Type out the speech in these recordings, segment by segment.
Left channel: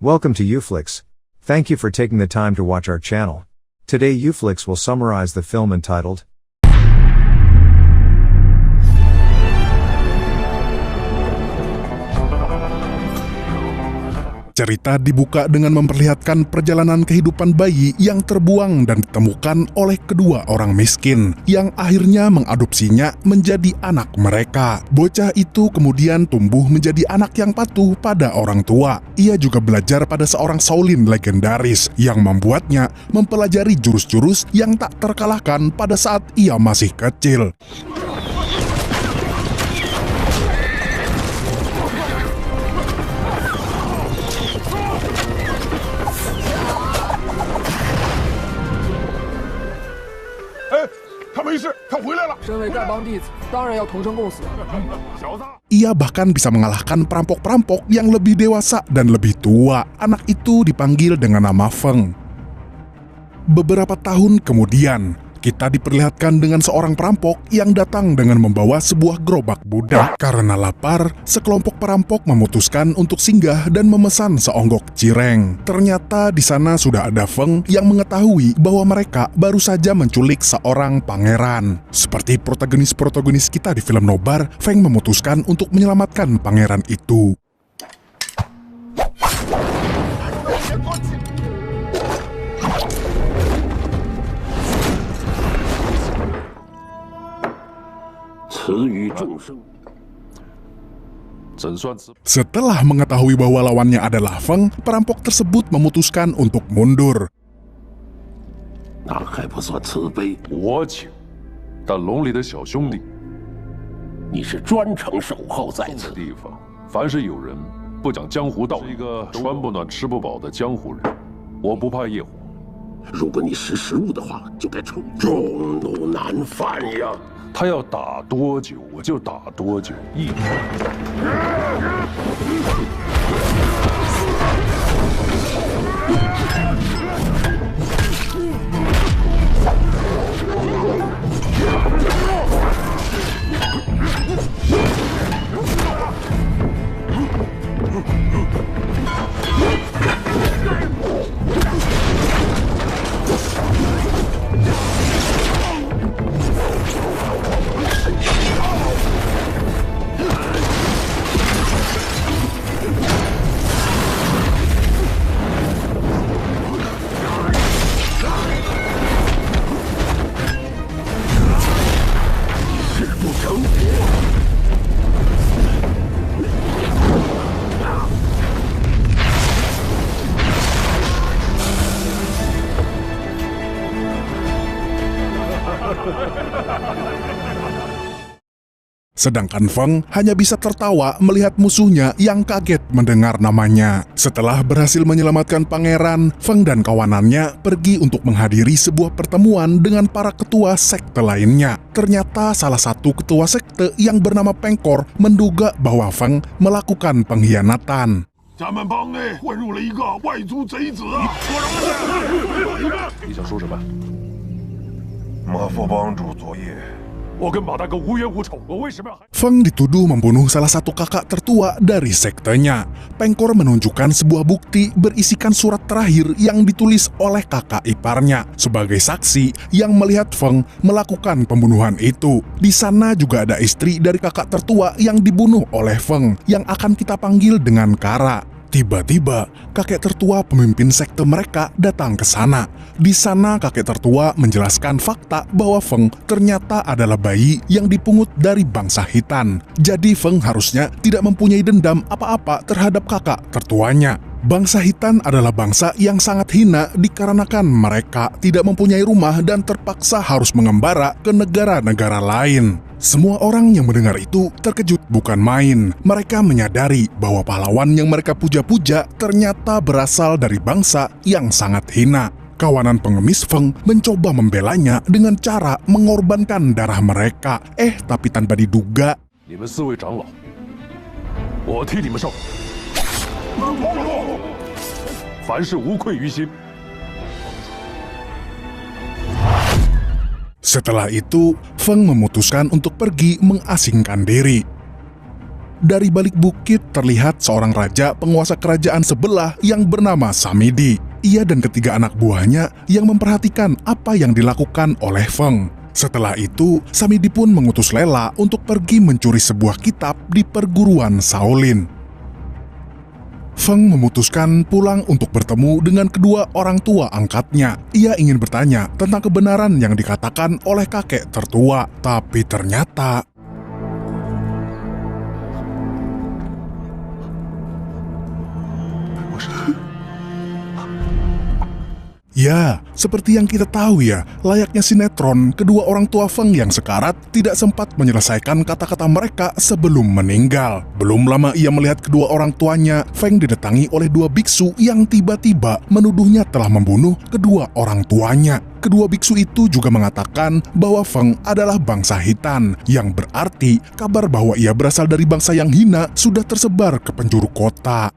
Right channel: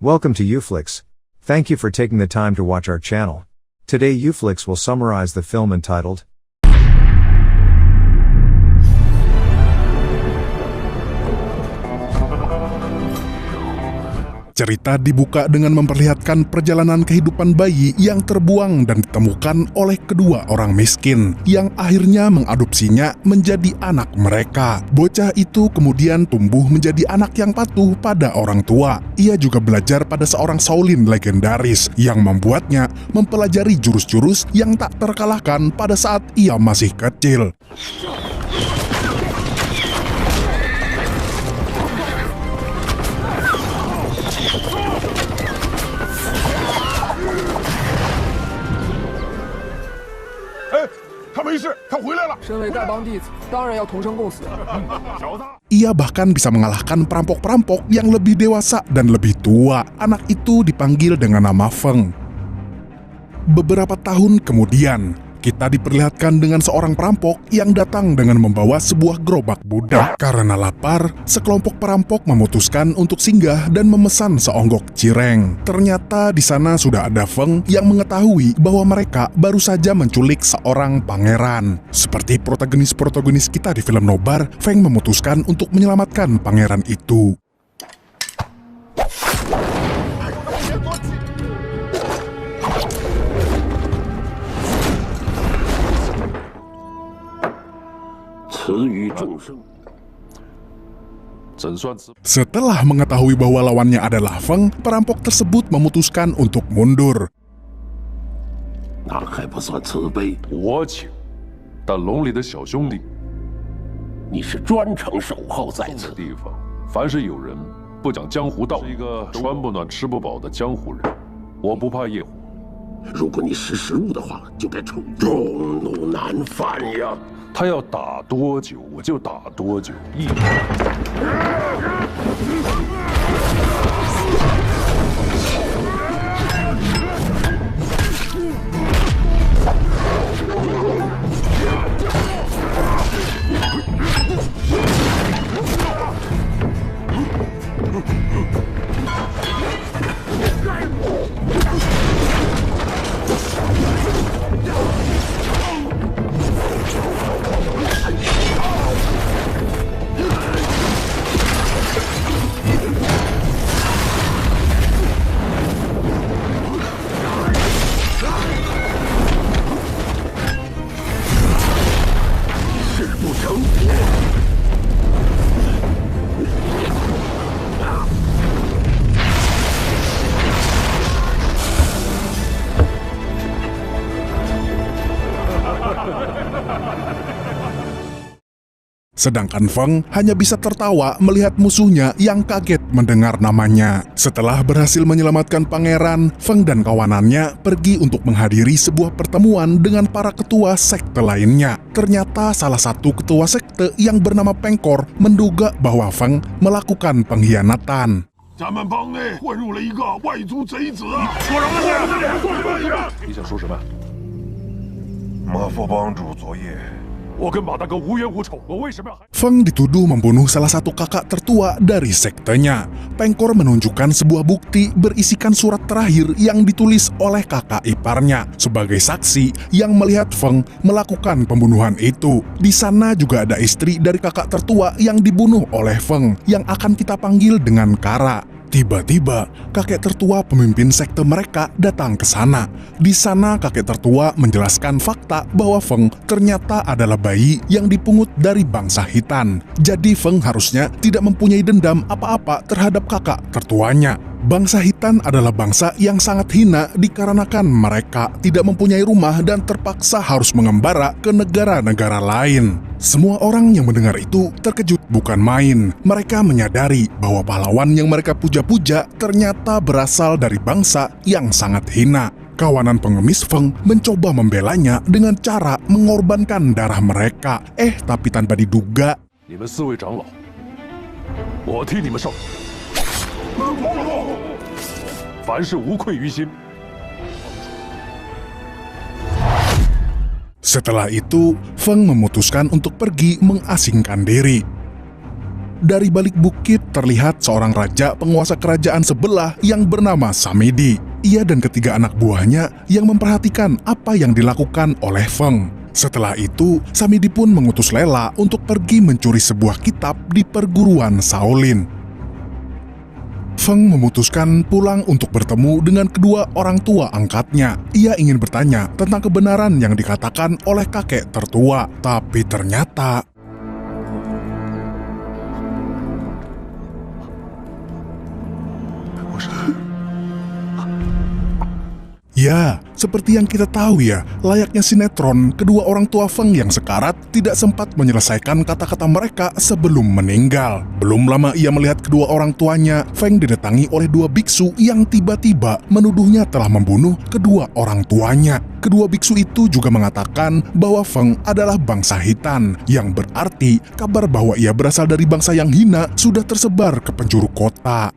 Welcome to Uflix. Thank you for taking the time to watch our channel. Today Uflix will summarize the film entitled Cerita dibuka dengan memperlihatkan perjalanan kehidupan bayi yang terbuang dan ditemukan oleh kedua orang miskin yang akhirnya mengadopsinya menjadi anak mereka. Bocah itu kemudian tumbuh menjadi anak yang patuh pada orang tua. Ia juga belajar pada seorang Shaolin legendaris yang membuatnya mempelajari jurus-jurus yang tak terkalahkan pada saat ia masih kecil. Ia bahkan bisa mengalahkan perampok-perampok yang lebih dewasa dan lebih tua. Anak itu dipanggil dengan nama Feng. Beberapa tahun kemudian, kita diperlihatkan dengan seorang perampok yang datang dengan membawa sebuah gerobak budak. Karena lapar, sekelompok perampok memutuskan untuk singgah dan memesan seonggok cireng. Ternyata di sana sudah ada Feng yang mengetahui bahwa mereka baru saja menculik seorang pangeran. Seperti protagonis-protagonis kita di film nobar, Feng memutuskan untuk menyelamatkan pangeran itu. Setelah mengetahui bahwa lawannya adalah Feng, perampok tersebut memutuskan untuk mundur. Sedangkan Feng hanya bisa tertawa melihat musuhnya yang kaget mendengar namanya. Setelah berhasil menyelamatkan pangeran, Feng dan kawanannya pergi untuk menghadiri sebuah pertemuan dengan para ketua sekte lainnya. Ternyata salah satu ketua sekte yang bernama Pengkor menduga bahwa Feng melakukan pengkhianatan. Feng dituduh membunuh salah satu kakak tertua dari sektenya. Pengkor menunjukkan sebuah bukti berisikan surat terakhir yang ditulis oleh kakak iparnya sebagai saksi yang melihat Feng melakukan pembunuhan itu. Di sana juga ada istri dari kakak tertua yang dibunuh oleh Feng yang akan kita panggil dengan Kara. Tiba-tiba, kakek tertua pemimpin sekte mereka datang ke sana. Di sana, kakek tertua menjelaskan fakta bahwa Feng ternyata adalah bayi yang dipungut dari bangsa Hitan. Jadi Feng harusnya tidak mempunyai dendam apa-apa terhadap kakak tertuanya. Bangsa Hitan adalah bangsa yang sangat hina dikarenakan mereka tidak mempunyai rumah dan terpaksa harus mengembara ke negara-negara lain. Semua orang yang mendengar itu terkejut bukan main. Mereka menyadari bahwa pahlawan yang mereka puja-puja ternyata berasal dari bangsa yang sangat hina. Kawanan pengemis Feng mencoba membelanya dengan cara mengorbankan darah mereka. Tapi tanpa diduga, setelah itu, Feng memutuskan untuk pergi mengasingkan diri. Dari balik bukit terlihat seorang raja penguasa kerajaan sebelah yang bernama Samidi. Ia dan ketiga anak buahnya yang memperhatikan apa yang dilakukan oleh Feng. Setelah itu, Samidi pun mengutus Lela untuk pergi mencuri sebuah kitab di perguruan Shaolin. Feng memutuskan pulang untuk bertemu dengan kedua orang tua angkatnya. Ia ingin bertanya tentang kebenaran yang dikatakan oleh kakek tertua, tapi ternyata ya, seperti yang kita tahu ya, layaknya sinetron, kedua orang tua Feng yang sekarat tidak sempat menyelesaikan kata-kata mereka sebelum meninggal. Belum lama ia melihat kedua orang tuanya, Feng didatangi oleh dua biksu yang tiba-tiba menuduhnya telah membunuh kedua orang tuanya. Kedua biksu itu juga mengatakan bahwa Feng adalah bangsa Hitan, yang berarti kabar bahwa ia berasal dari bangsa yang hina sudah tersebar ke penjuru kota.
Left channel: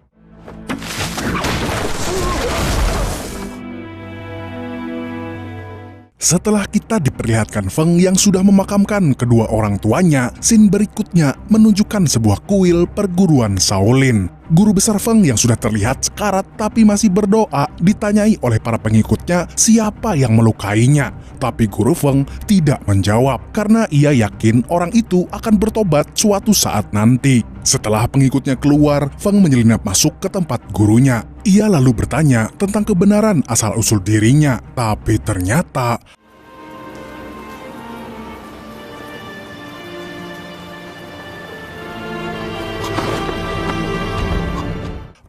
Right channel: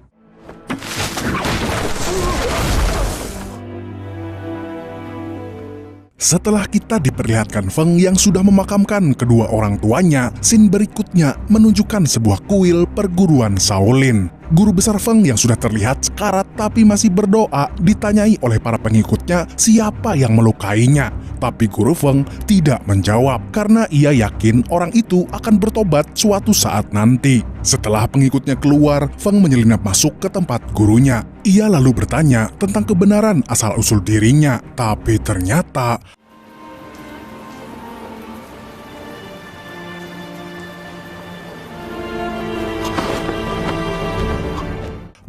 Setelah kita diperlihatkan Feng yang sudah memakamkan kedua orang tuanya, scene berikutnya menunjukkan sebuah kuil perguruan Shaolin. Guru besar Feng yang sudah terlihat sekarat tapi masih berdoa ditanyai oleh para pengikutnya siapa yang melukainya. Tapi Guru Feng tidak menjawab karena ia yakin orang itu akan bertobat suatu saat nanti. Setelah pengikutnya keluar, Feng menyelinap masuk ke tempat gurunya. Ia lalu bertanya tentang kebenaran asal-usul dirinya, tapi ternyata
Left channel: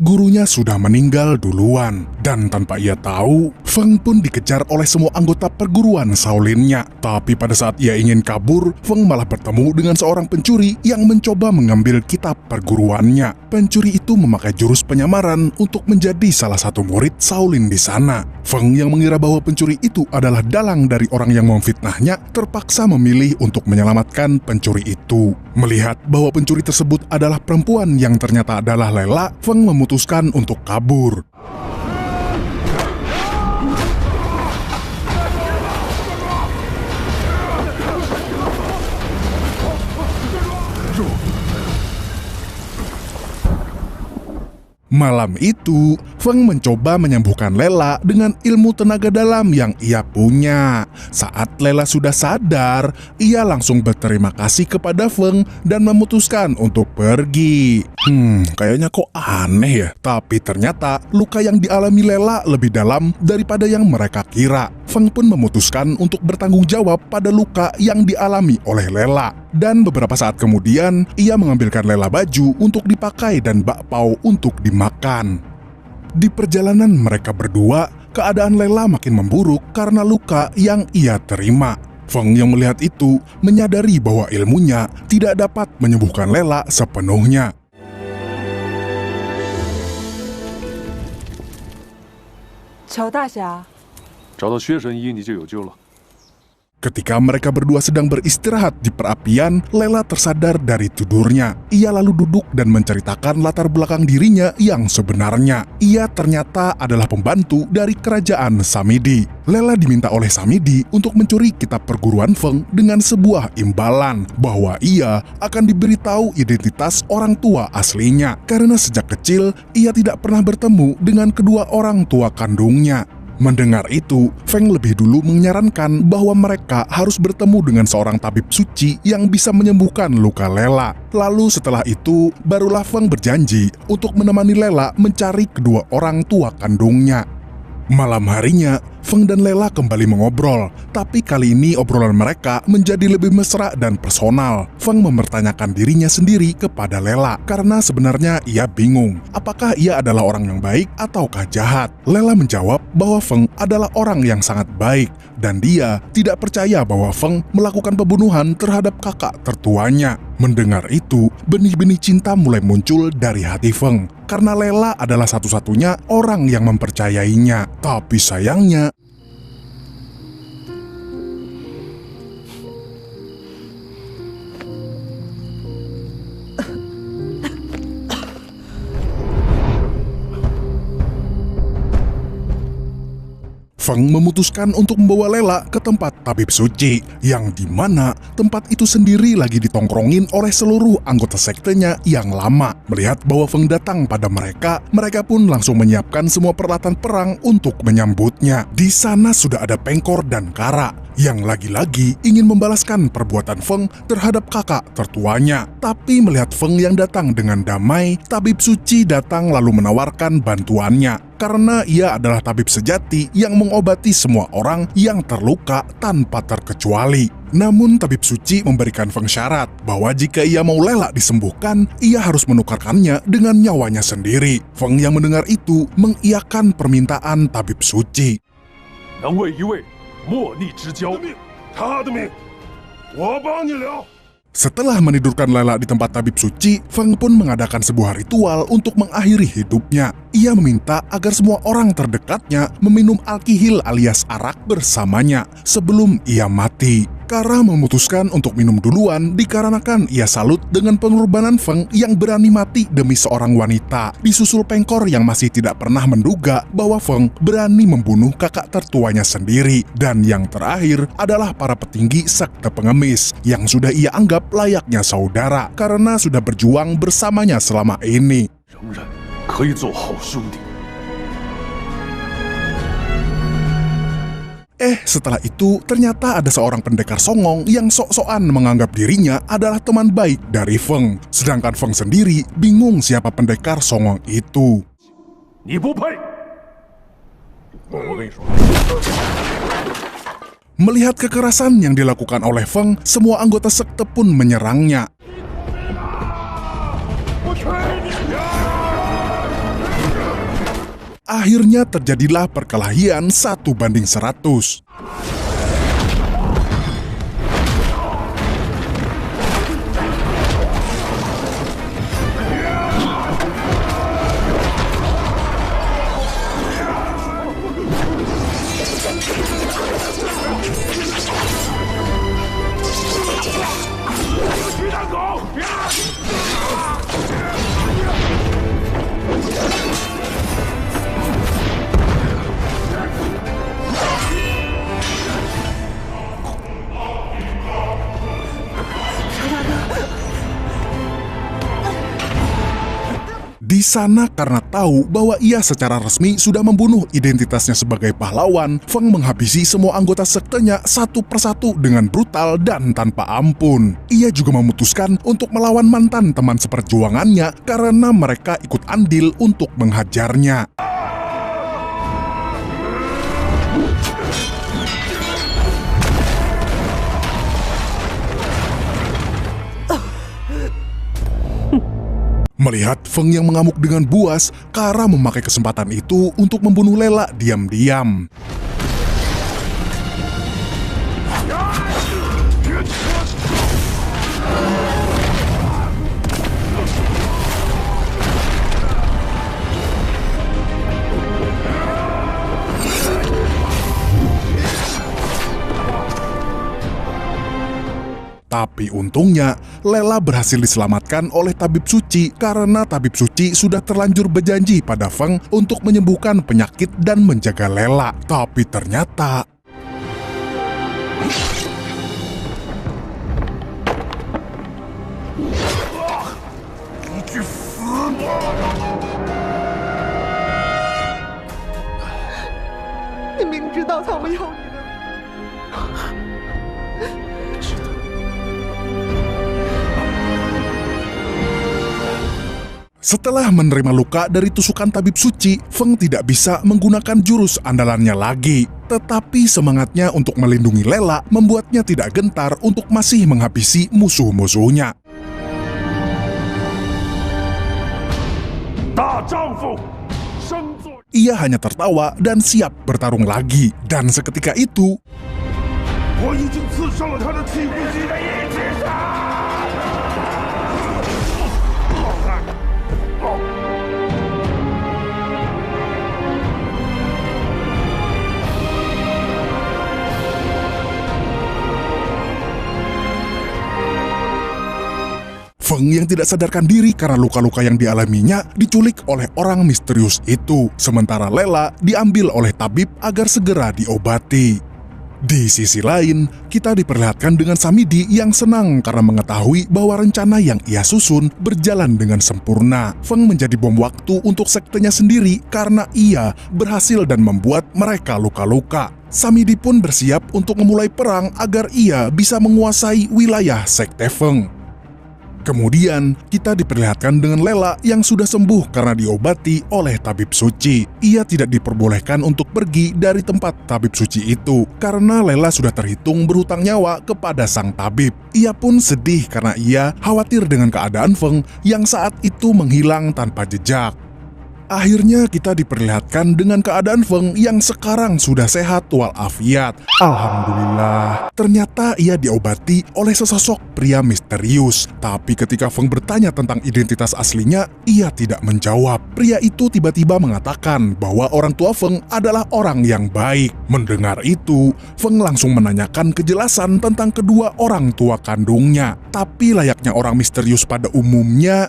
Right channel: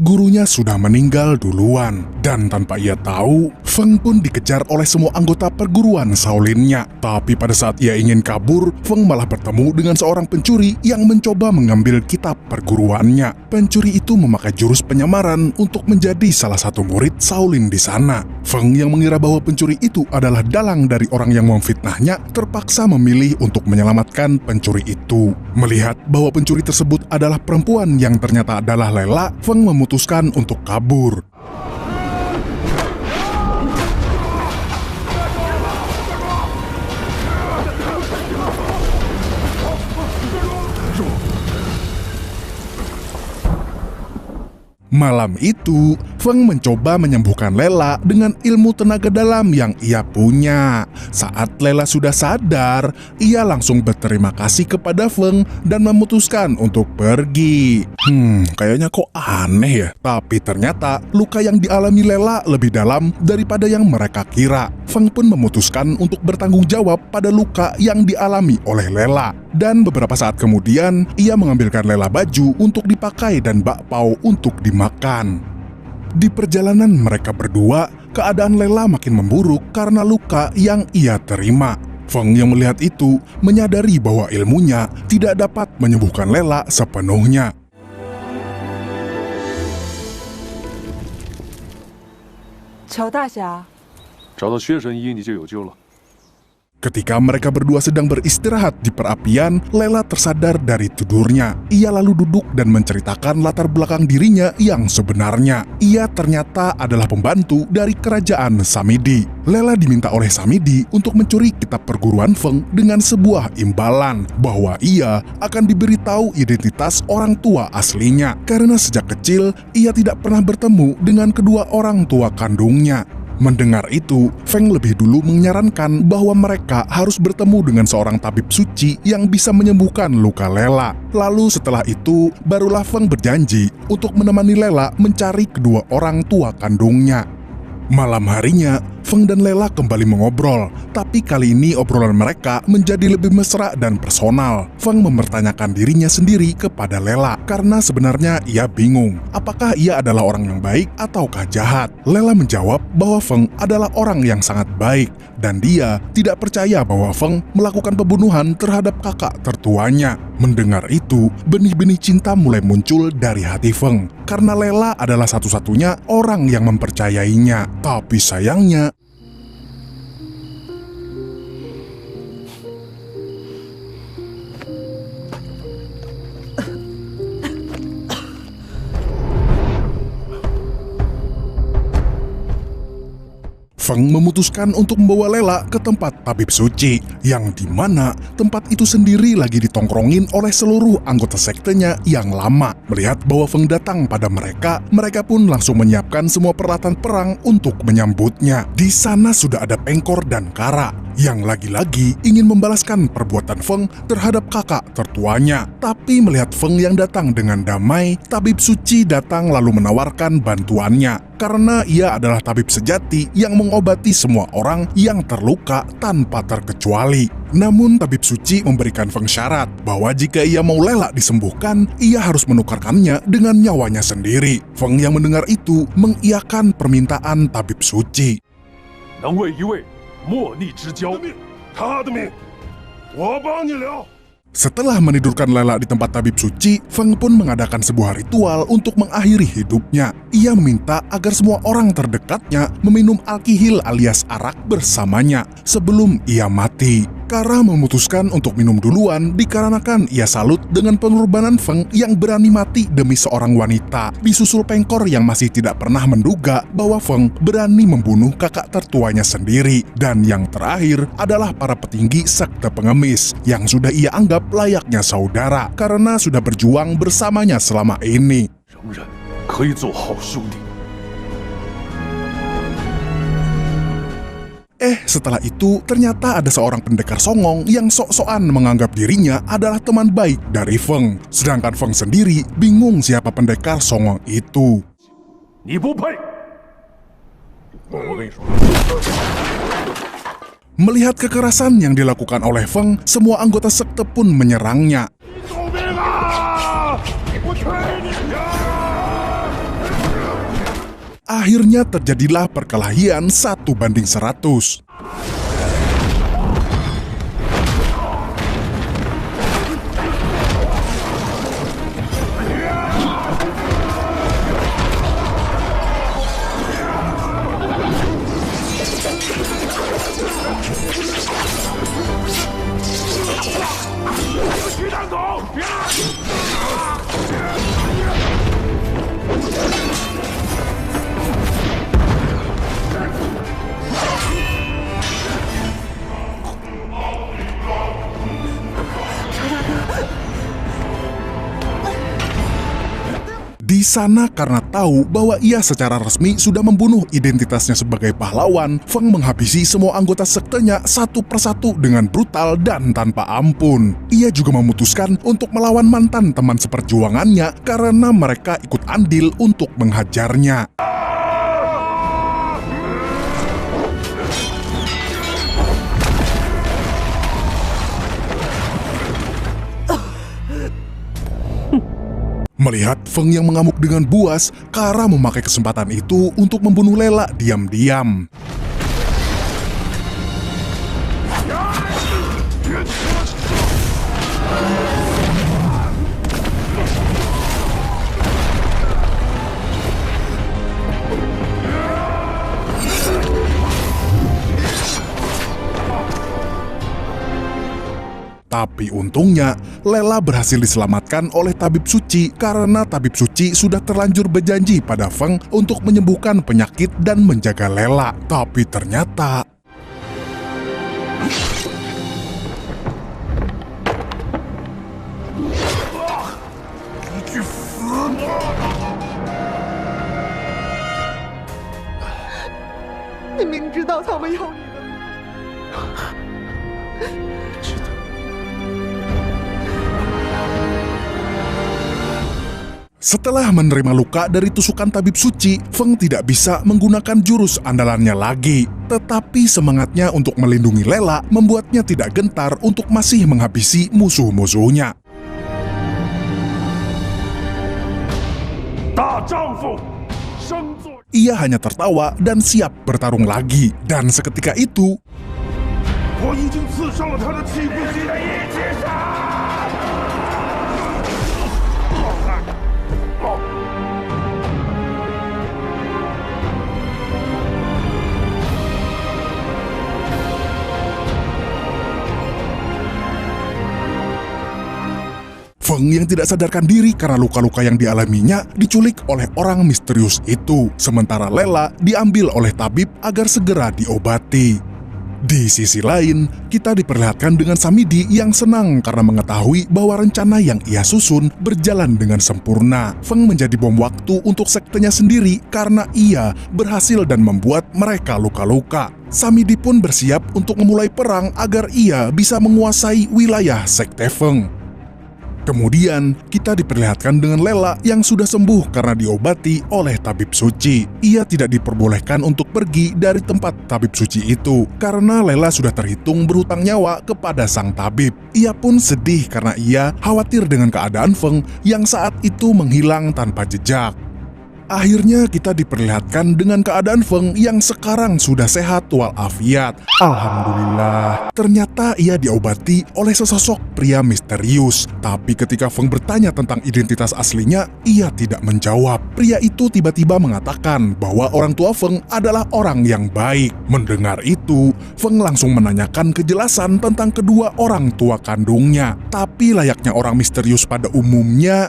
gurunya sudah meninggal duluan. Dan tanpa ia tahu, Feng pun dikejar oleh semua anggota perguruan Shaolinnya. Tapi pada saat ia ingin kabur, Feng malah bertemu dengan seorang pencuri yang mencoba mengambil kitab perguruannya. Pencuri itu memakai jurus penyamaran untuk menjadi salah satu murid Shaolin di sana. Feng yang mengira bahwa pencuri itu adalah dalang dari orang yang memfitnahnya, terpaksa memilih untuk menyelamatkan pencuri itu. Melihat bahwa pencuri tersebut adalah perempuan yang ternyata adalah Lela, Feng memutuskan untuk kabur. Malam itu, Feng mencoba menyembuhkan Lela dengan ilmu tenaga dalam yang ia punya. Saat Lela sudah sadar, ia langsung berterima kasih kepada Feng dan memutuskan untuk pergi. Kayaknya kok aneh ya. Tapi ternyata luka yang dialami Lela lebih dalam daripada yang mereka kira. Feng pun memutuskan untuk bertanggung jawab pada luka yang dialami oleh Lela. Dan beberapa saat kemudian, ia mengambilkan Lela baju untuk dipakai dan bakpao untuk dimakan. Di perjalanan mereka berdua, keadaan Lela makin memburuk karena luka yang ia terima. Feng yang melihat itu menyadari bahwa ilmunya tidak dapat menyembuhkan Lela sepenuhnya. Ketika mereka berdua sedang beristirahat di perapian, Lela tersadar dari tidurnya. Ia lalu duduk dan menceritakan latar belakang dirinya yang sebenarnya. Ia ternyata adalah pembantu dari kerajaan Samidi. Lela diminta oleh Samidi untuk mencuri kitab perguruan Feng dengan sebuah imbalan bahwa ia akan diberitahu identitas orang tua aslinya. Karena sejak kecil, ia tidak pernah bertemu dengan kedua orang tua kandungnya. Mendengar itu, Feng lebih dulu menyarankan bahwa mereka harus bertemu dengan seorang tabib suci yang bisa menyembuhkan luka Lela. Lalu setelah itu, barulah Feng berjanji untuk menemani Lela mencari kedua orang tua kandungnya. Malam harinya, Feng dan Lela kembali mengobrol, tapi kali ini obrolan mereka menjadi lebih mesra dan personal. Feng mempertanyakan dirinya sendiri kepada Lela, karena sebenarnya ia bingung, apakah ia adalah orang yang baik ataukah jahat. Lela menjawab bahwa Feng adalah orang yang sangat baik, dan dia tidak percaya bahwa Feng melakukan pembunuhan terhadap kakak tertuanya. Mendengar itu, benih-benih cinta mulai muncul dari hati Feng, karena Lela adalah satu-satunya orang yang mempercayainya. Tapi sayangnya, Feng memutuskan untuk membawa Lela ke tempat tabib suci, yang dimana tempat itu sendiri lagi ditongkrongin oleh seluruh anggota sektenya yang lama. Melihat bahwa Feng datang pada mereka pun langsung menyiapkan semua peralatan perang untuk menyambutnya. Di sana sudah ada Pengkor dan Kara, yang lagi-lagi ingin membalaskan perbuatan Feng terhadap kakak tertuanya. Tapi melihat Feng yang datang dengan damai, tabib suci datang lalu menawarkan bantuannya. Karena ia adalah tabib sejati yang mengobati semua orang yang terluka tanpa terkecuali. Namun tabib suci memberikan Feng syarat bahwa jika ia mau Lela disembuhkan, ia harus menukarkannya dengan nyawanya sendiri. Feng yang mendengar itu mengiyakan permintaan tabib suci. 能为一位莫逆之交，他的命我帮你了。 Setelah menidurkan Lela di tempat tabib suci, Feng pun mengadakan sebuah ritual untuk mengakhiri hidupnya. Ia meminta agar semua orang terdekatnya meminum alkihil alias arak bersamanya sebelum ia mati. Kara memutuskan untuk minum duluan dikarenakan ia salut dengan pengorbanan Feng yang berani mati demi seorang wanita. Disusul Pengkor yang masih tidak pernah menduga bahwa Feng berani membunuh kakak tertuanya sendiri. Dan yang terakhir adalah para petinggi sekte pengemis yang sudah ia anggap layaknya saudara karena sudah berjuang bersamanya selama ini. 仍然可以做好兄弟。 Setelah itu ternyata ada seorang pendekar songong yang sok-sokan menganggap dirinya adalah teman baik dari Feng. Sedangkan Feng sendiri bingung siapa pendekar songong itu. 你不配！我跟你说， Melihat kekerasan yang dilakukan oleh Feng, semua anggota sekte pun menyerangnya. 救命啊！我劝你呀！ Akhirnya terjadilah perkelahian 1 banding 100. Di sana karena tahu bahwa ia secara resmi sudah membunuh identitasnya sebagai pahlawan, Feng menghabisi semua anggota sektenya satu persatu dengan brutal dan tanpa ampun. Ia juga memutuskan untuk melawan mantan teman seperjuangannya karena mereka ikut andil untuk menghajarnya. Melihat Feng yang mengamuk dengan buas, Kara memakai kesempatan itu untuk membunuh Lela diam-diam. Tapi untungnya, Lela berhasil diselamatkan oleh tabib suci karena tabib suci sudah terlanjur berjanji pada Feng untuk menyembuhkan penyakit dan menjaga Lela. Tapi ternyata... Setelah menerima luka dari tusukan tabib suci, Feng tidak bisa menggunakan jurus andalannya lagi. Tetapi semangatnya untuk melindungi Lela membuatnya tidak gentar untuk masih menghabisi musuh-musuhnya. Ia hanya tertawa dan siap bertarung lagi. Dan seketika itu... Feng yang tidak sadarkan diri karena luka-luka yang dialaminya diculik oleh orang misterius itu. Sementara Lela diambil oleh tabib agar segera diobati. Di sisi lain, kita diperlihatkan dengan Samidi yang senang karena mengetahui bahwa rencana yang ia susun berjalan dengan sempurna. Feng menjadi bom waktu untuk sektenya sendiri karena ia berhasil dan membuat mereka luka-luka. Samidi pun bersiap untuk memulai perang agar ia bisa menguasai wilayah sekte Feng. Kemudian, kita diperlihatkan dengan Lela yang sudah sembuh karena diobati oleh tabib suci. Ia tidak diperbolehkan untuk pergi dari tempat tabib suci itu, karena Lela sudah terhitung berhutang nyawa kepada sang tabib. Ia pun sedih karena ia khawatir dengan keadaan Feng yang saat itu menghilang tanpa jejak. Akhirnya kita diperlihatkan dengan keadaan Feng yang sekarang sudah sehat walafiat. Alhamdulillah. Ternyata ia diobati oleh sesosok pria misterius. Tapi ketika Feng bertanya tentang identitas aslinya, ia tidak menjawab. Pria itu tiba-tiba mengatakan bahwa orang tua Feng adalah orang yang baik. Mendengar itu, Feng langsung menanyakan kejelasan tentang kedua orang tua kandungnya. Tapi layaknya orang misterius pada umumnya,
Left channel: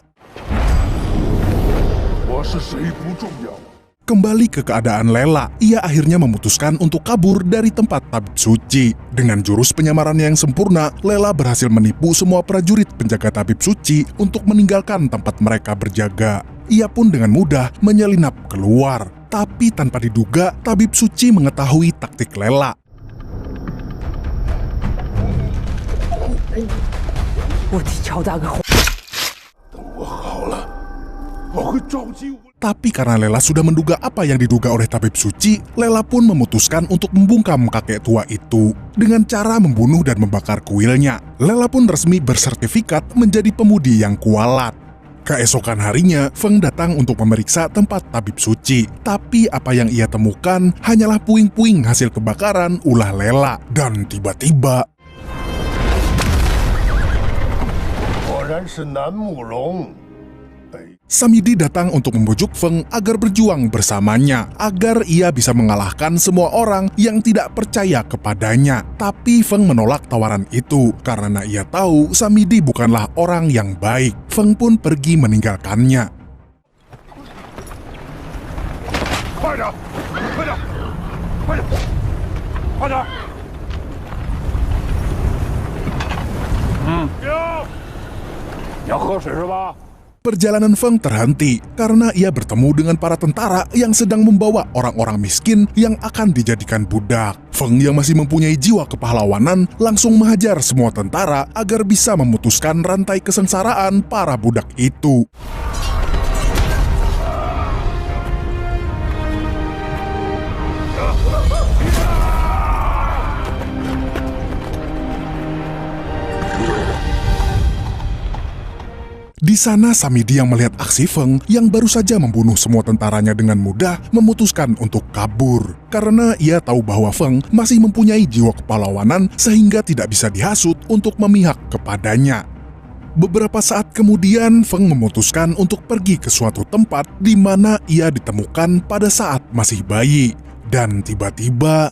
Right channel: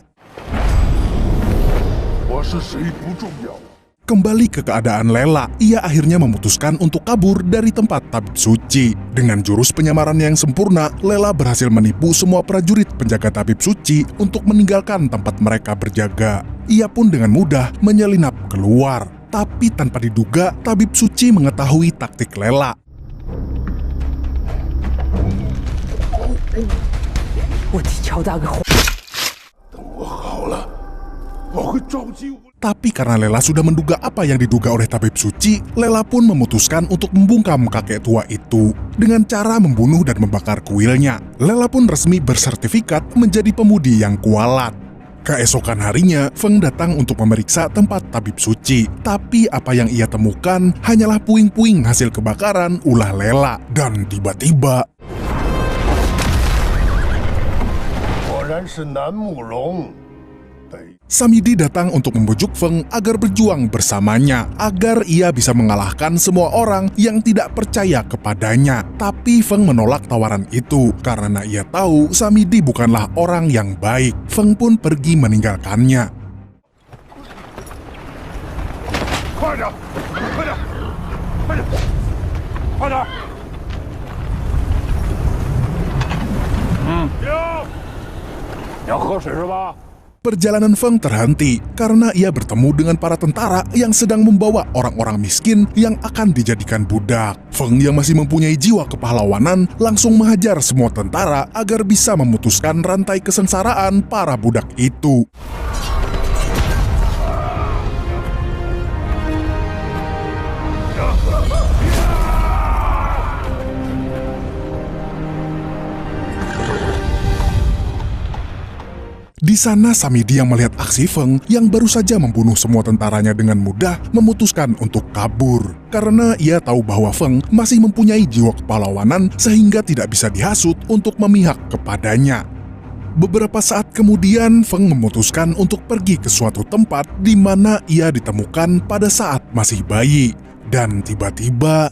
kembali ke keadaan Lela, ia akhirnya memutuskan untuk kabur dari tempat tabib suci. Dengan jurus penyamaran yang sempurna, Lela berhasil menipu semua prajurit penjaga tabib suci untuk meninggalkan tempat mereka berjaga. Ia pun dengan mudah menyelinap keluar. Tapi tanpa diduga, tabib suci mengetahui taktik Lela. Tapi karena Lela sudah menduga apa yang diduga oleh tabib suci, Lela pun memutuskan untuk membungkam kakek tua itu dengan cara membunuh dan membakar kuilnya. Lela pun resmi bersertifikat menjadi pemudi yang kualat. Keesokan harinya, Feng datang untuk memeriksa tempat tabib suci. Tapi apa yang ia temukan hanyalah puing-puing hasil kebakaran ulah Lela. Dan tiba-tiba, Samidi datang untuk membujuk Feng agar berjuang bersamanya, agar ia bisa mengalahkan semua orang yang tidak percaya kepadanya. Tapi Feng menolak tawaran itu, karena ia tahu Samidi bukanlah orang yang baik. Feng pun pergi meninggalkannya. Perjalanan Feng terhenti karena ia bertemu dengan para tentara yang sedang membawa orang-orang miskin yang akan dijadikan budak. Feng yang masih mempunyai jiwa kepahlawanan langsung menghajar semua tentara agar bisa memutuskan rantai kesengsaraan para budak itu. Di sana Samidi yang melihat aksi Feng yang baru saja membunuh semua tentaranya dengan mudah memutuskan untuk kabur. Karena ia tahu bahwa Feng masih mempunyai jiwa kepahlawanan sehingga tidak bisa dihasut untuk memihak kepadanya. Beberapa saat kemudian Feng memutuskan untuk pergi ke suatu tempat di mana ia ditemukan pada saat masih bayi. Dan tiba-tiba,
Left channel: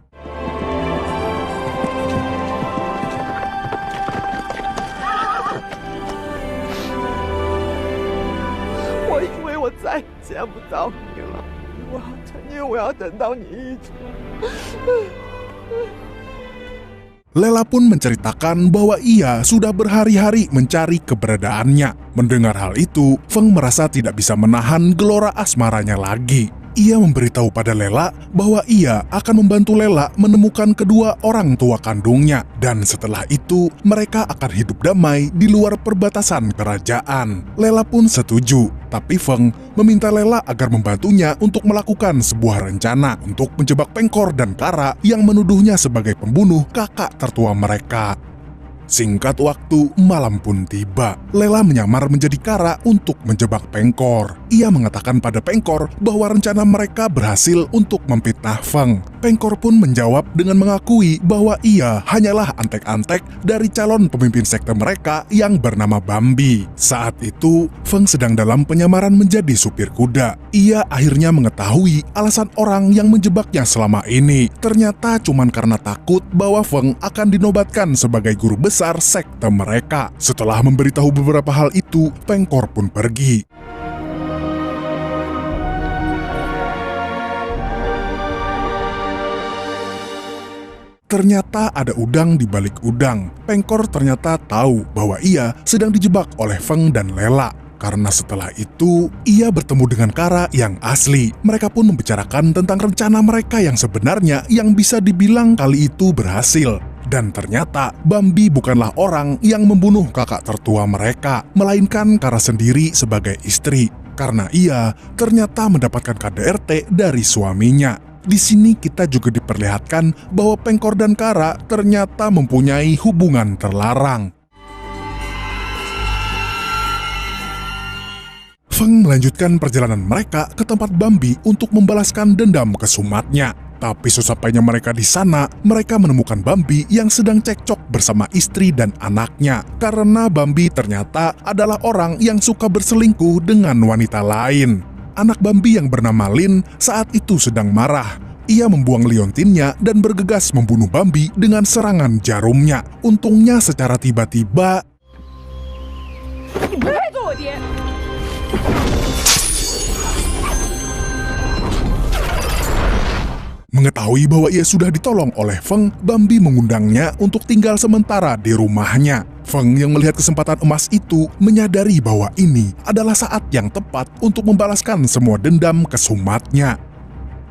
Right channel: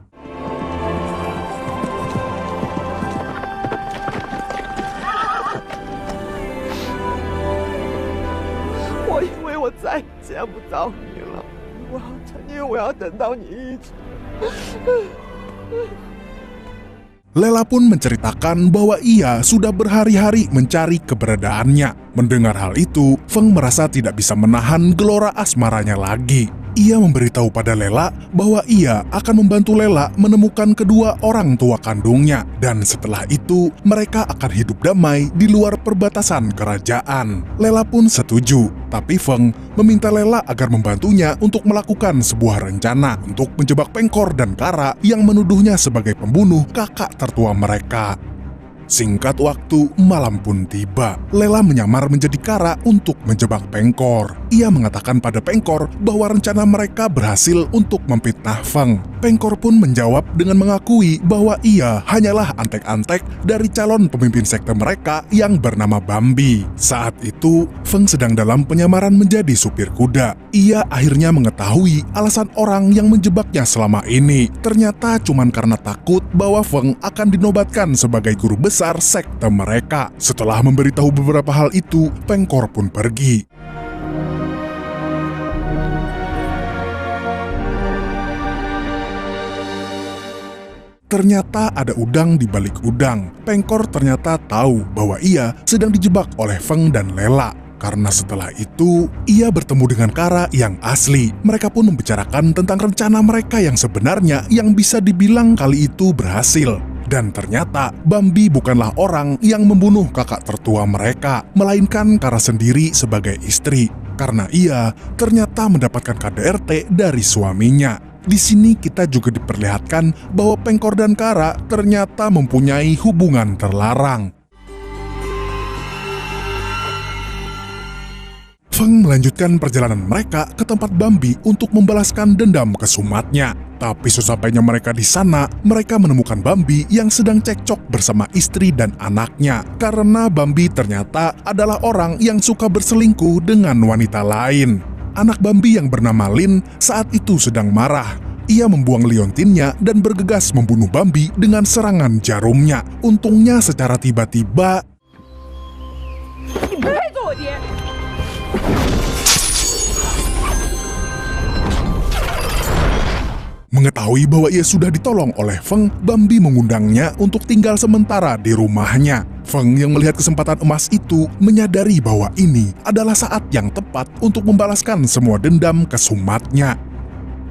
Lela pun menceritakan bahwa ia sudah berhari-hari mencari keberadaannya. Mendengar hal itu, Feng merasa tidak bisa menahan gelora asmaranya lagi. Ia memberitahu pada Lela bahwa ia akan membantu Lela menemukan kedua orang tua kandungnya. Dan setelah itu, mereka akan hidup damai di luar perbatasan kerajaan. Lela pun setuju, tapi Feng meminta Lela agar membantunya untuk melakukan sebuah rencana untuk menjebak Pengkor dan Kara yang menuduhnya sebagai pembunuh kakak tertua mereka. Singkat waktu, malam pun tiba. Lela menyamar menjadi Kara untuk menjebak Pengkor. Ia mengatakan pada Pengkor bahwa rencana mereka berhasil untuk memfitnah Feng. Pengkor pun menjawab dengan mengakui bahwa ia hanyalah antek-antek dari calon pemimpin sekte mereka yang bernama Bambi. Saat itu, Feng sedang dalam penyamaran menjadi supir kuda. Ia akhirnya mengetahui alasan orang yang menjebaknya selama ini. Ternyata cuman karena takut bahwa Feng akan dinobatkan sebagai guru besar sekte mereka. Setelah memberitahu beberapa hal itu, Pengkor pun pergi. Ternyata ada udang di balik udang. Pengkor ternyata tahu bahwa ia sedang dijebak oleh Feng dan Lela. Karena setelah itu, ia bertemu dengan Kara yang asli. Mereka pun membicarakan tentang rencana mereka yang sebenarnya yang bisa dibilang kali itu berhasil. Dan ternyata Bambi bukanlah orang yang membunuh kakak tertua mereka, melainkan Kara sendiri sebagai istri. Karena ia ternyata mendapatkan KDRT dari suaminya. Di sini kita juga diperlihatkan bahwa Pengkor dan Kara ternyata mempunyai hubungan terlarang. Feng melanjutkan perjalanan mereka ke tempat Bambi untuk membalaskan dendam ke sumatnya. Tapi sesampainya mereka di sana, mereka menemukan Bambi yang sedang cekcok bersama istri dan anaknya. Karena Bambi ternyata adalah orang yang suka berselingkuh dengan wanita lain. Anak Bambi yang bernama Lin saat itu sedang marah. Ia membuang liontinnya dan bergegas membunuh Bambi dengan serangan jarumnya. Untungnya secara tiba-tiba mengetahui bahwa ia sudah ditolong oleh Feng, Bambi mengundangnya untuk tinggal sementara di rumahnya. Feng yang melihat kesempatan emas itu menyadari bahwa ini adalah saat yang tepat untuk membalaskan semua dendam ke sumatnya.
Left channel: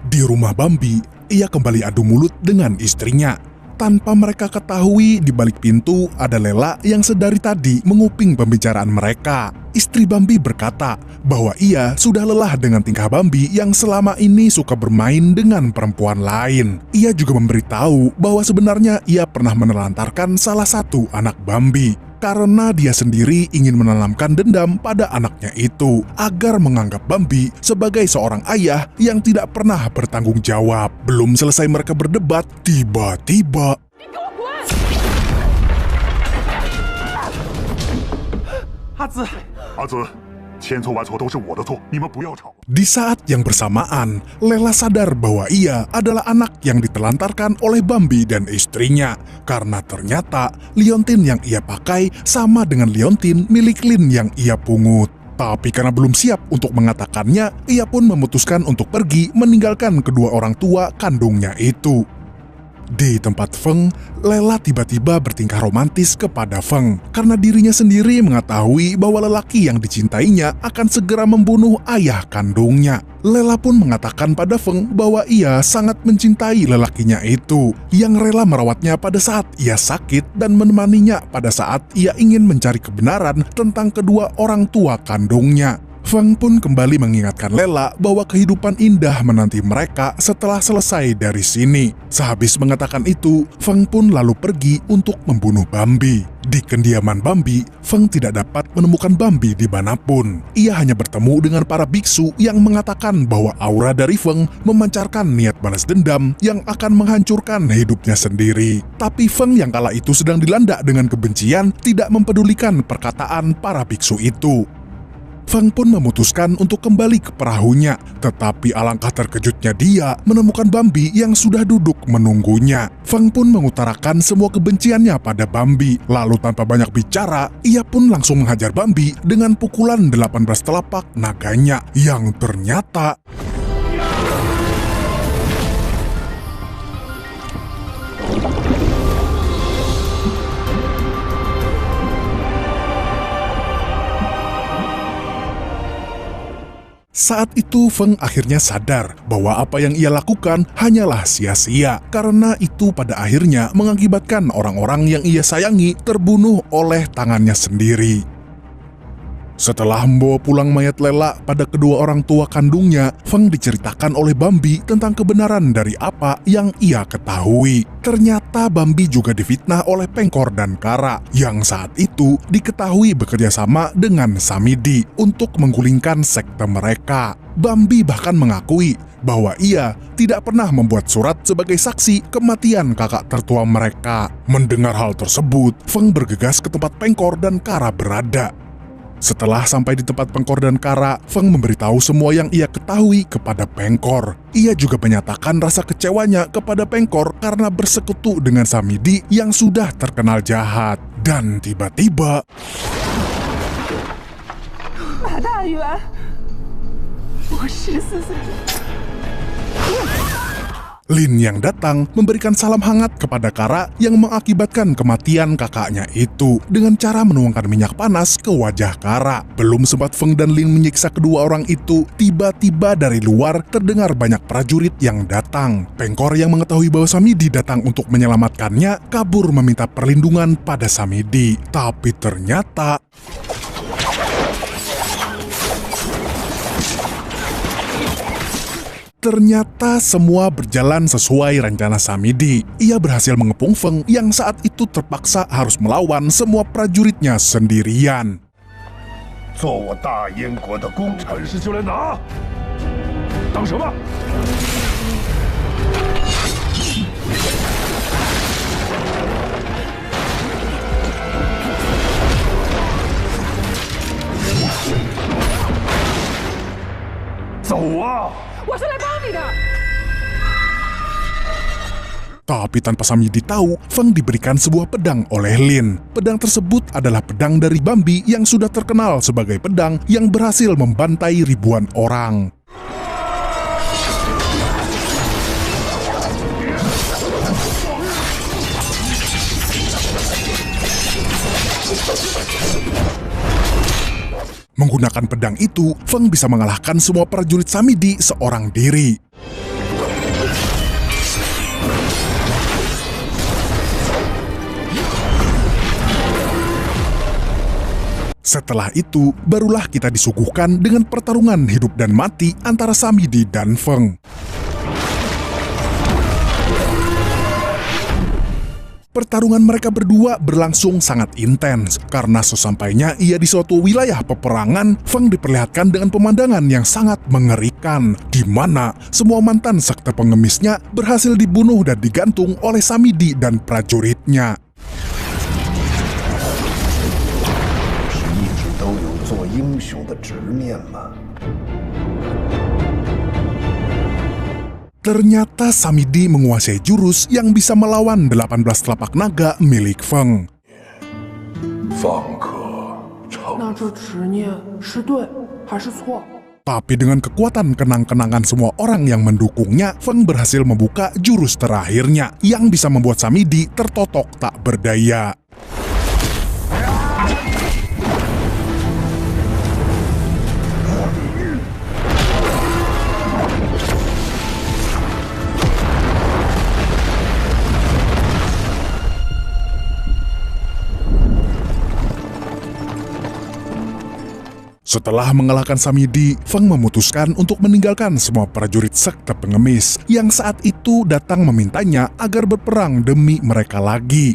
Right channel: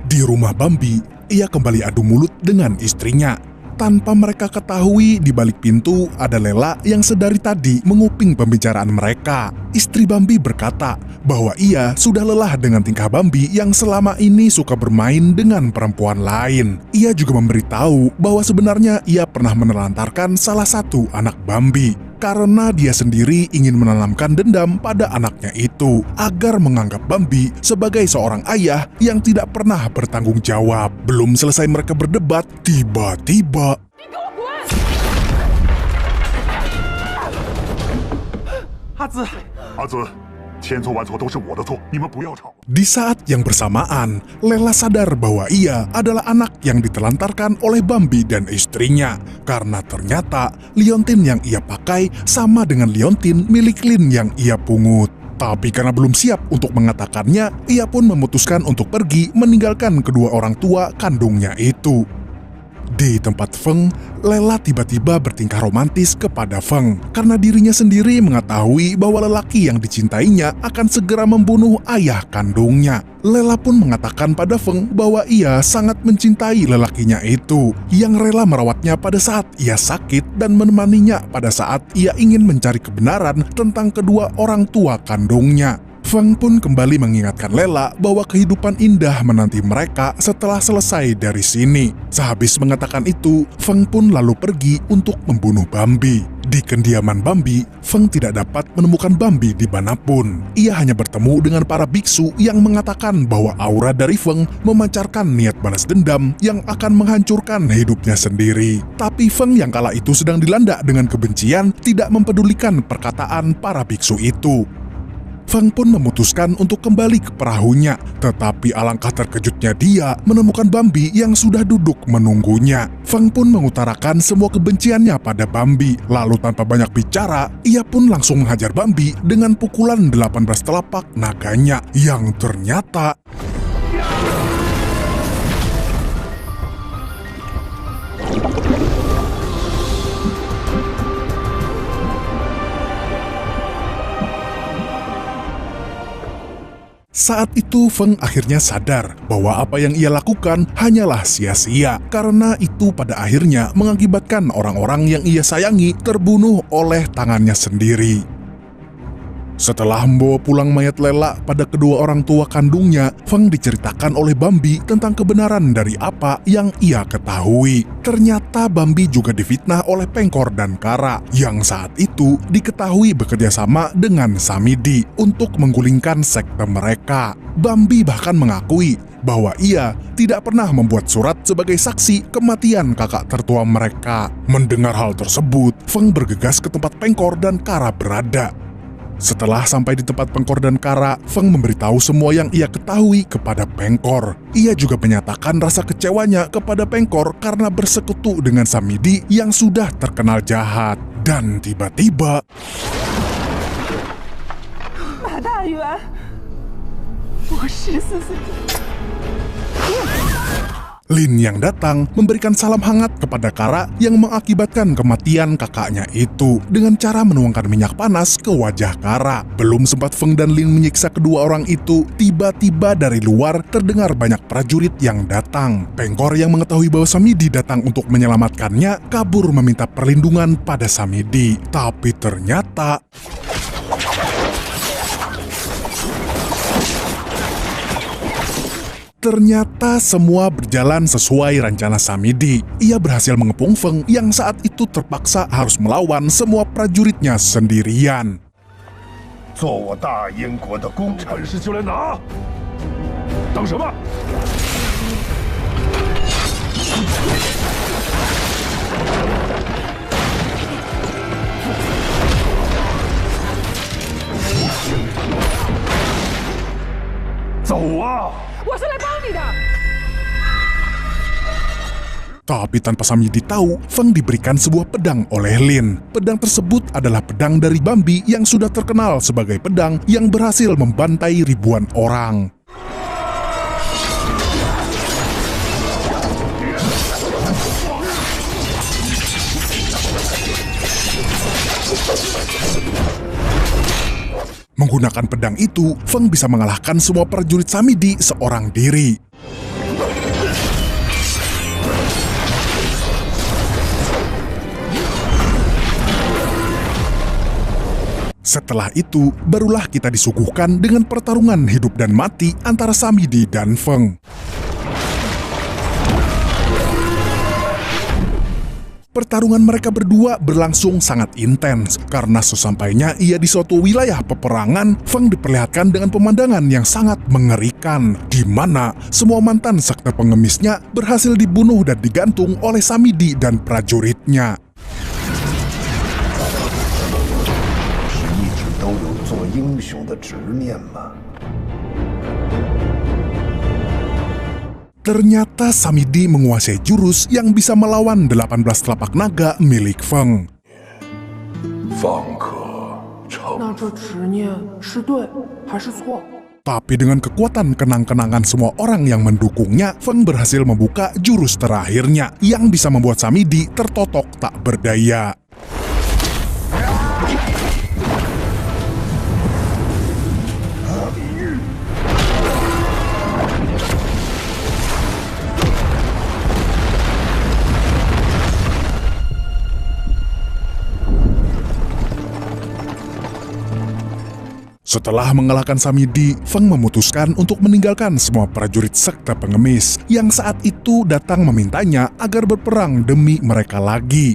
Di rumah Bambi, ia kembali adu mulut dengan istrinya. Tanpa mereka ketahui, di balik pintu ada Lela yang sedari tadi menguping pembicaraan mereka. Istri Bambi berkata bahwa ia sudah lelah dengan tingkah Bambi yang selama ini suka bermain dengan perempuan lain. Ia juga memberitahu bahwa sebenarnya ia pernah menelantarkan salah satu anak Bambi. Karena dia sendiri ingin menanamkan dendam pada anaknya itu agar menganggap Bambi sebagai seorang ayah yang tidak pernah bertanggung jawab. Belum selesai mereka berdebat, tiba-tiba di saat yang bersamaan, Lela sadar bahwa ia adalah anak yang ditelantarkan oleh Bambi dan istrinya. Karena ternyata liontin yang ia pakai sama dengan liontin milik Lin yang ia pungut. Tapi karena belum siap untuk mengatakannya, ia pun memutuskan untuk pergi meninggalkan kedua orang tua kandungnya itu. Di tempat Feng, Lela tiba-tiba bertingkah romantis kepada Feng karena dirinya sendiri mengetahui bahwa lelaki yang dicintainya akan segera membunuh ayah kandungnya. Lela pun mengatakan pada Feng bahwa ia sangat mencintai lelakinya itu, yang rela merawatnya pada saat ia sakit dan menemaninya pada saat ia ingin mencari kebenaran tentang kedua orang tua kandungnya. Feng pun kembali mengingatkan Lela bahwa kehidupan indah menanti mereka setelah selesai dari sini. Sehabis mengatakan itu, Feng pun lalu pergi untuk membunuh Bambi. Di kediaman Bambi, Feng tidak dapat menemukan Bambi dimanapun. Ia hanya bertemu dengan para biksu yang mengatakan bahwa aura dari Feng memancarkan niat balas dendam yang akan menghancurkan hidupnya sendiri. Tapi Feng yang kala itu sedang dilanda dengan kebencian tidak mempedulikan perkataan para biksu itu. Feng pun memutuskan untuk kembali ke perahunya, tetapi alangkah terkejutnya dia menemukan Bambi yang sudah duduk menunggunya. Feng pun mengutarakan semua kebenciannya pada Bambi, lalu tanpa banyak bicara, ia pun langsung menghajar Bambi dengan pukulan 18 telapak naganya yang ternyata saat itu Feng akhirnya sadar bahwa apa yang ia lakukan hanyalah sia-sia, karena itu pada akhirnya mengakibatkan orang-orang yang ia sayangi terbunuh oleh tangannya sendiri. Setelah membawa pulang mayat Lela pada kedua orang tua kandungnya, Feng diceritakan oleh Bambi tentang kebenaran dari apa yang ia ketahui. Ternyata Bambi juga difitnah oleh Pengkor dan Kara, yang saat itu diketahui bekerja sama dengan Samidi untuk menggulingkan sekte mereka. Bambi bahkan mengakui bahwa ia tidak pernah membuat surat sebagai saksi kematian kakak tertua mereka. Mendengar hal tersebut, Feng bergegas ke tempat Pengkor dan Kara berada. Setelah sampai di tempat Pengkor dan Kara, Feng memberitahu semua yang ia ketahui kepada Pengkor. Ia juga menyatakan rasa kecewanya kepada Pengkor karena bersekutu dengan Samidi yang sudah terkenal jahat. Dan tiba-tiba, 大女儿，我10死你！ Lin yang datang memberikan salam hangat kepada Kara yang mengakibatkan kematian kakaknya itu dengan cara menuangkan minyak panas ke wajah Kara. Belum sempat Feng dan Lin menyiksa kedua orang itu, tiba-tiba dari luar terdengar banyak prajurit yang datang. Pengkor yang mengetahui bahwa Samidi datang untuk menyelamatkannya kabur meminta perlindungan pada Samidi. Tapi ternyata semua berjalan sesuai rencana Samidi. Ia berhasil mengepung Feng yang saat itu terpaksa harus melawan semua prajuritnya sendirian. 做我大燕国的工程师就来拿，等什么？ 走啊！ 我是来帮你的。 Tapi tanpa Samidi tahu, Feng diberikan sebuah pedang oleh Lin. Pedang tersebut adalah pedang dari Bambi yang sudah terkenal sebagai pedang yang berhasil membantai ribuan orang. Menggunakan pedang itu, Feng bisa mengalahkan semua prajurit Samidi seorang diri. Setelah itu, barulah kita disuguhkan dengan pertarungan hidup dan mati antara Samidi dan Feng. Pertarungan mereka berdua berlangsung sangat intens, karena sesampainya ia di suatu wilayah peperangan, Feng diperlihatkan dengan pemandangan yang sangat mengerikan, di mana semua mantan sekte pengemisnya berhasil dibunuh dan digantung oleh Samidi dan prajuritnya. 都有做英雄的执念吗？ Ternyata Samidi menguasai jurus yang bisa melawan 18 telapak naga milik Feng. 放可成。那这执念是对还是错？ Tapi dengan kekuatan kenang-kenangan semua orang yang mendukungnya, Feng berhasil membuka jurus terakhirnya yang bisa membuat Samidi tertotok tak berdaya. Setelah mengalahkan Samidi, Feng memutuskan untuk meninggalkan semua prajurit sekte pengemis yang saat itu datang memintanya agar berperang demi mereka lagi.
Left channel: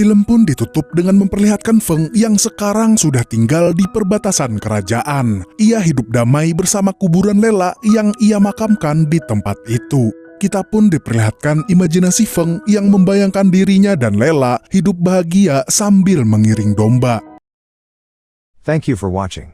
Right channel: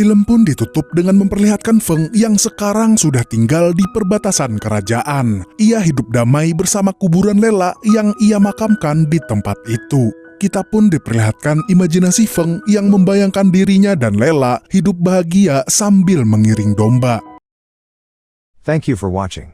Film pun ditutup dengan memperlihatkan Feng yang sekarang sudah tinggal di perbatasan kerajaan. Ia hidup damai bersama kuburan Lela yang ia makamkan di tempat itu. Kita pun diperlihatkan imajinasi Feng yang membayangkan dirinya dan Lela hidup bahagia sambil mengiring domba. Thank you for watching.